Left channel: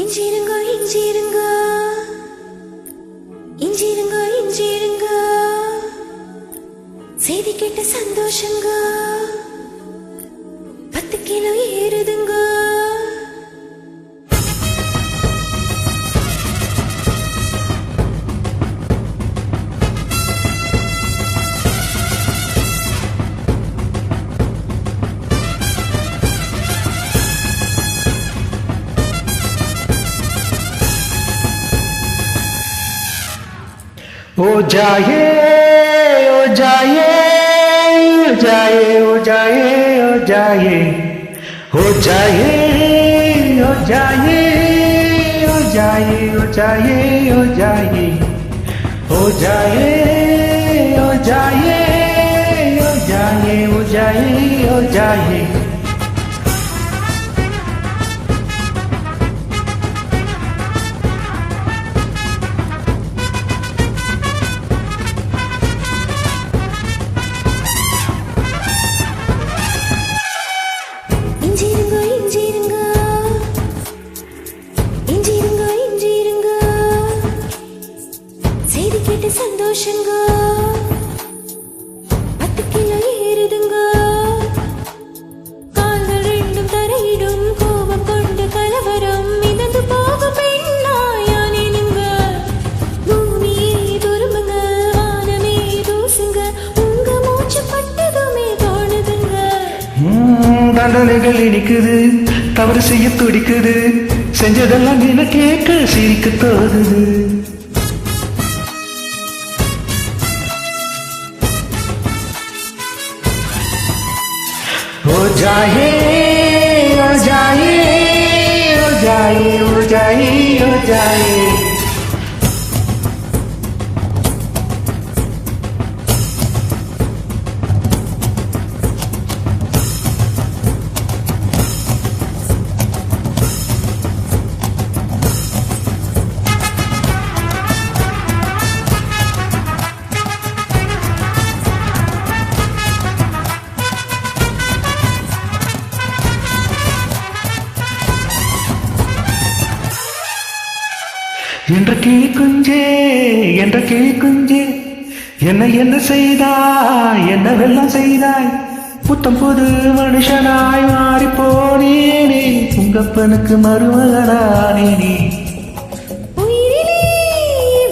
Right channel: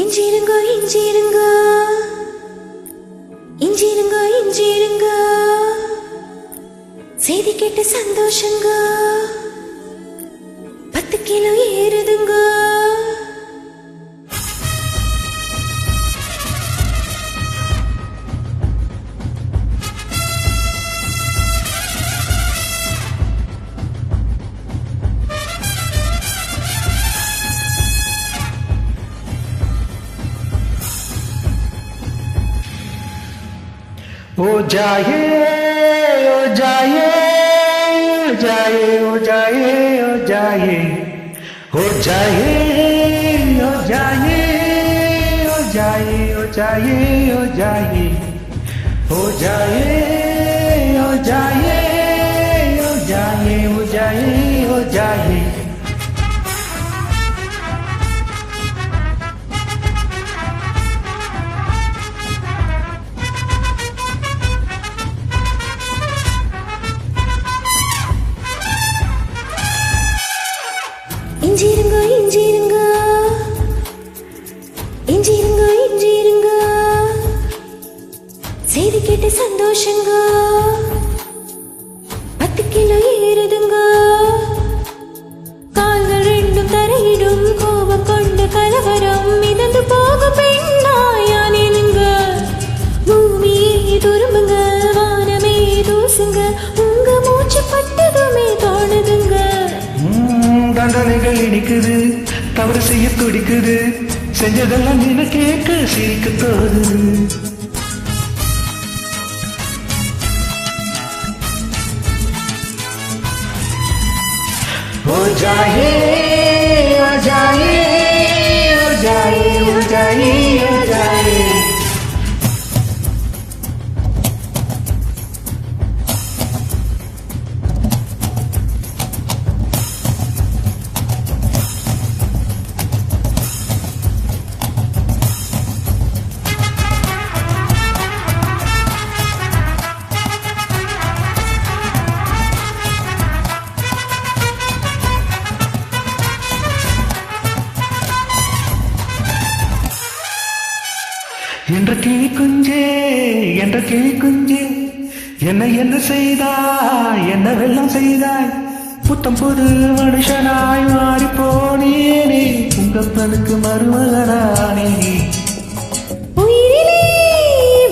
இஞ்சிருங்கோ இஞ்சிருங்கோ இஞ்சிருங்கோ இஞ்சிருங்கோ செய்தி கேட்ட சந்தோஷங்கோ 10 கிலோ ஏறுதுங்கோ. ओ जाए ओ जाए ओ जाए ओ जाए ओ जाए ओ जाए ओ जाए ओ जाए ओ जाए ओ जाए ओ जाए ओ जाए ओ जाए ओ जाए ओ जाए இஞ்சிருங்கோ இஞ்சிருங்கோ இஞ்சிருங்கோ இஞ்சிருங்கோ செய்தி கேட்டு சந்தோஷங்கோ 10 கிலோ ஏறுதுங்கோ. கால்கள் ரெண்டும் தரையிடும் கோபம் கொண்ட கலவரம் மிதந்து போகும் பெண்ணாயானேனுங்க. பூமியே துரும்புங்க வானமே தூசுங்க உங்க மூச்சு பட்டதுமே தோணுதுங்க. தண்டனைகள் இனிக்குது தவறு செய்ய துடிக்குது செஞ்சதெல்லாம் நீன கேட்க சிரிக்க தோதுது. ओ जाए ओ जाए ओ जाए ओ जाए ओ जाए என்ற கிளி குஞ்சே என்ற கிளி குஞ்சே என்ன என்ன செய்தாய் என்ன வெள்ளம் செய்தாய் புத்தம் புது மனுஷனாய் மாறி போனேனே உங்கப்பனுக்கு மருமகனானேனே. உயிரிலே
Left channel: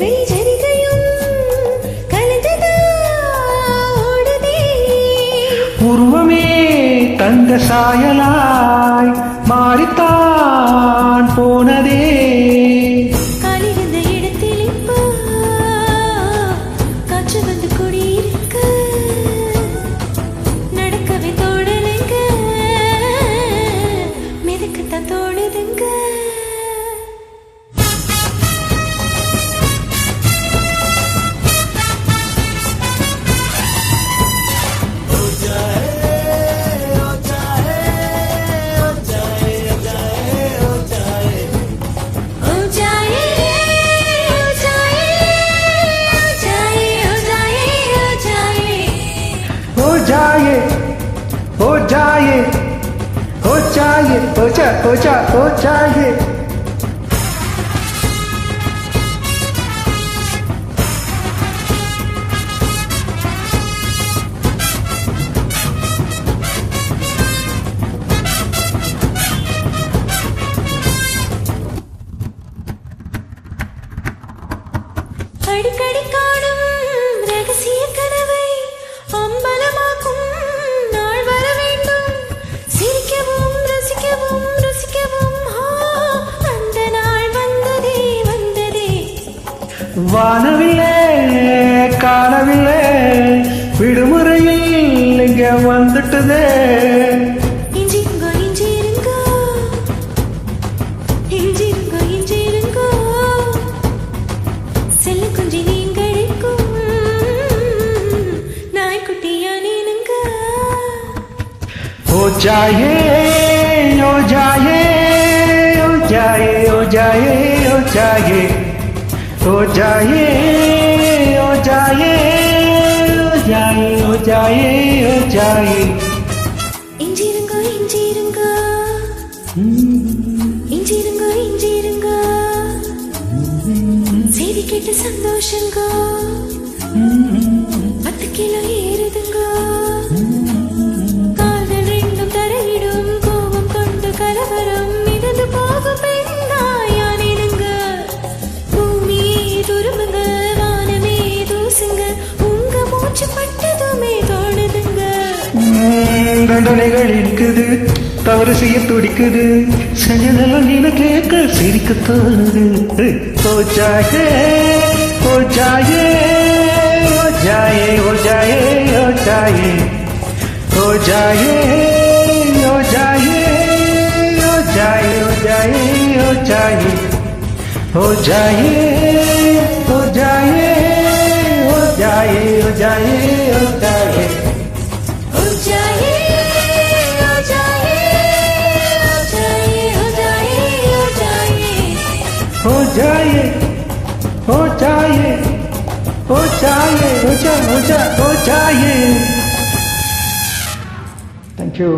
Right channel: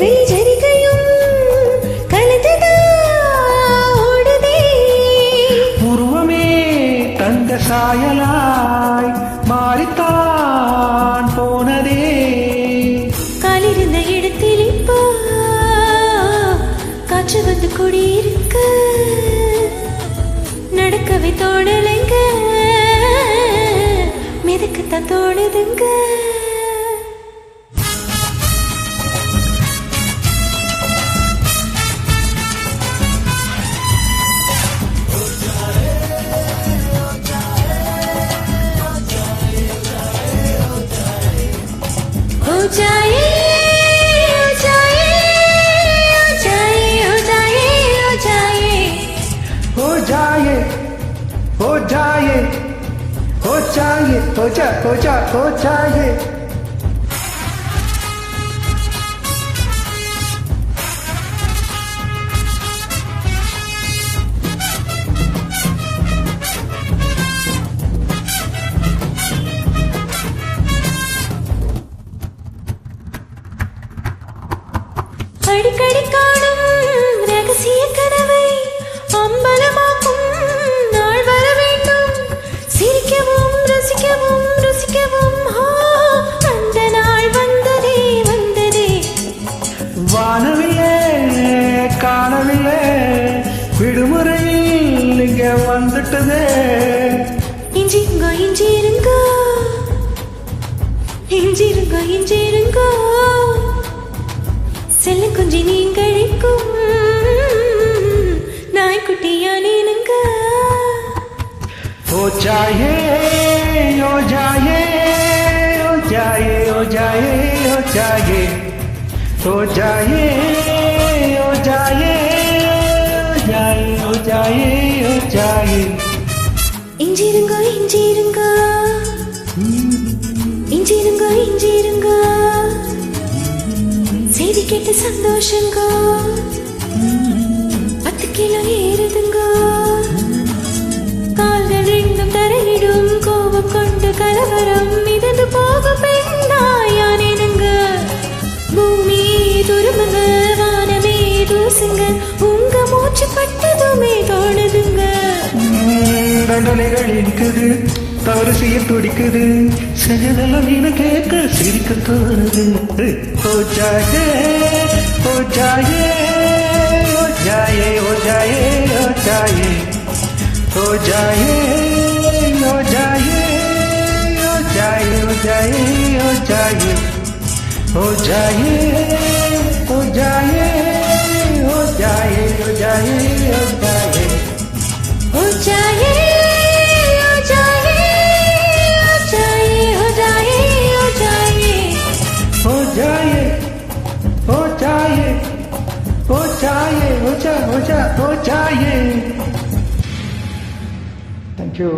வெளிச்சரிகையும் கலந்ததா ஓடுதே உருவமே தங்க சாயலாய் மாறித்தான் போனதே. காலிருந்த இடத்தில் இப்போ காற்று வந்து குடியிருக்க நடக்கவே தோணலைங்க மிதக்கத்தான் தோணுதுங்க. हो जाए हो जाए हो जाए हो जाए हो जाए हो जाए हो जाए हो जाए हो जा हो जा हो जाए. அடிக்கடி காணும் ரகசிய கனவை அம்பலமாக்கும் நாள் வர வேண்டும். சிரிக்கவும் ரசிக்கவும் ருசிக்கவும் அந்த நாள் வந்ததே வந்ததே. வானவில்லை காணவில்லை விடுமுறையில் இங்க வந்துட்டதே. இஞ்சிருங்கோ இஞ்சிருங்கோ இஞ்சிருங்கோ இஞ்சிருங்கோ செல்ல குஞ்சி நீங்களுக்கும் நாய்க்குட்டியானேனுங்க. हो जाए हो जाए हो जाए हो जाए हो जाए हो जाए हो जाए हो जाए हो जाए हो जाए. இஞ்சிருங்கோ இஞ்சிருங்கோ இஞ்சிருங்கோ இஞ்சிருங்கோ பேசிக்கிட்டு சந்தோஷங்க 10 கிலோ ஏறுதுங்க கால்கள் ரெண்டும் தரையிடும் கோபம் கொண்டு கலவரம் மிதந்து போகும் பெண்ணாயானேனுங்க பூமியே துருமுங்க வானமே தூசுங்க உங்க மூச்சு பட்டதுமே தோணுதுங்க தண்டனைகள் இனிக்குது தவறு செய்ய துடிக்குது செஞ்சதெல்லாம் நீன கேட்க சிரிக்க தோணுது ஓ ஜாயே ஓ ஜாயே ஓ ஜாயே ஓ ஜாயே ஓ ஜாயே ஓ ஜாயே ஓ ஜாயே ஓ ஜாயே ஓ ஜாயே ஓ ஜாயே ஓ ஜாயே ஓ ஜாயே ஓ ஜாயே ஓ ஜாயே ஓ ஜாயே हो जाए हो जाए हो जाए हो जाए हो जाए हो जाए हो जाए हो जाए हो जाए हो जाए हो जाए थैंक यू